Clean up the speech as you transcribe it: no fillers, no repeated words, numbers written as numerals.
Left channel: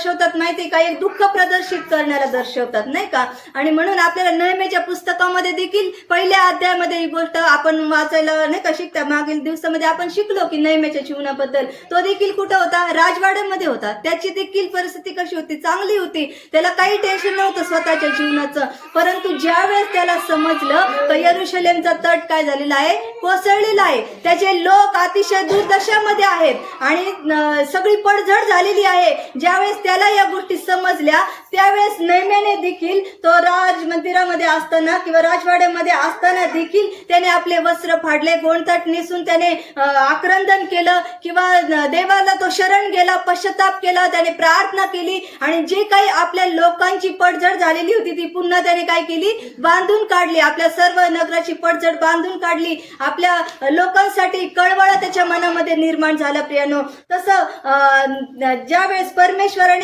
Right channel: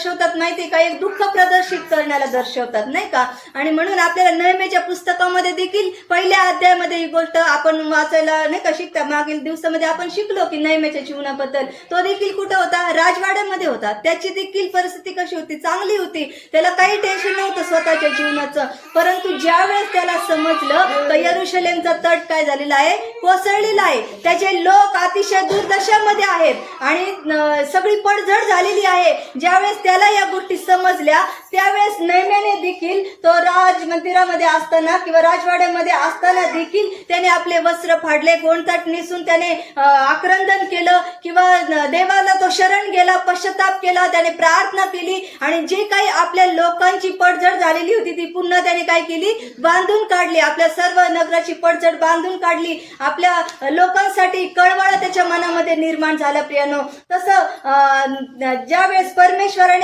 दर्शवतात माहिती का, एक दुःख प्रदर्शित करण्याला दर्शवतात नाही का. आणि म्हणून आपल्याला नेहमीच्या पुस्तकामध्ये देखील पहिल्या अध्यायामध्ये ही गोष्ट आपण वाचायला नाही का शिकता. मागील दिवसामध्ये आपण शिकलो की नेहमीच्या जीवनाबद्दल. तो देखील कुठं होता, राजवाड्यामध्ये होता. त्याची देखील परिस्थिती कशी होती, चांगली होती. त्याला काही टेन्शन नव्हतं स्वतःच्या जीवनाचं. परंतु ज्यावेळेस त्याला समजलं तर यरुशलेमचा तट काय झालेला आहे, कोसळलेला आहे. त्याचे लोक अतिशय दुर्दशामध्ये आहेत आणि सगळी पडझड झालेली आहे. ज्यावेळेस त्याला या गोष्टी समजल्या त्यावेळेस नेहमीने देखील तो राजमंदिरामध्ये असताना किंवा राजवाड्यामध्ये असताना देखील त्याने आपले वस्त्र फाडले, गोंडताट नेसून त्याने आक्रंदन केलं किंवा देवाला तो शरण गेला, पश्चाताप केला, त्याने प्रार्थना केली आणि जे काही आपल्या लोकांची पडझड झालेली होती ती पुन्हा त्याने काय केली, बांधून काढली. आपल्या सर्व नगराची पडझड बांधून काढली. आपल्या लोकांसाठी कळवळा त्याच्या मनामध्ये निर्माण झाला प्रियानो. तसं ज्यावेळेस परमेश्वराने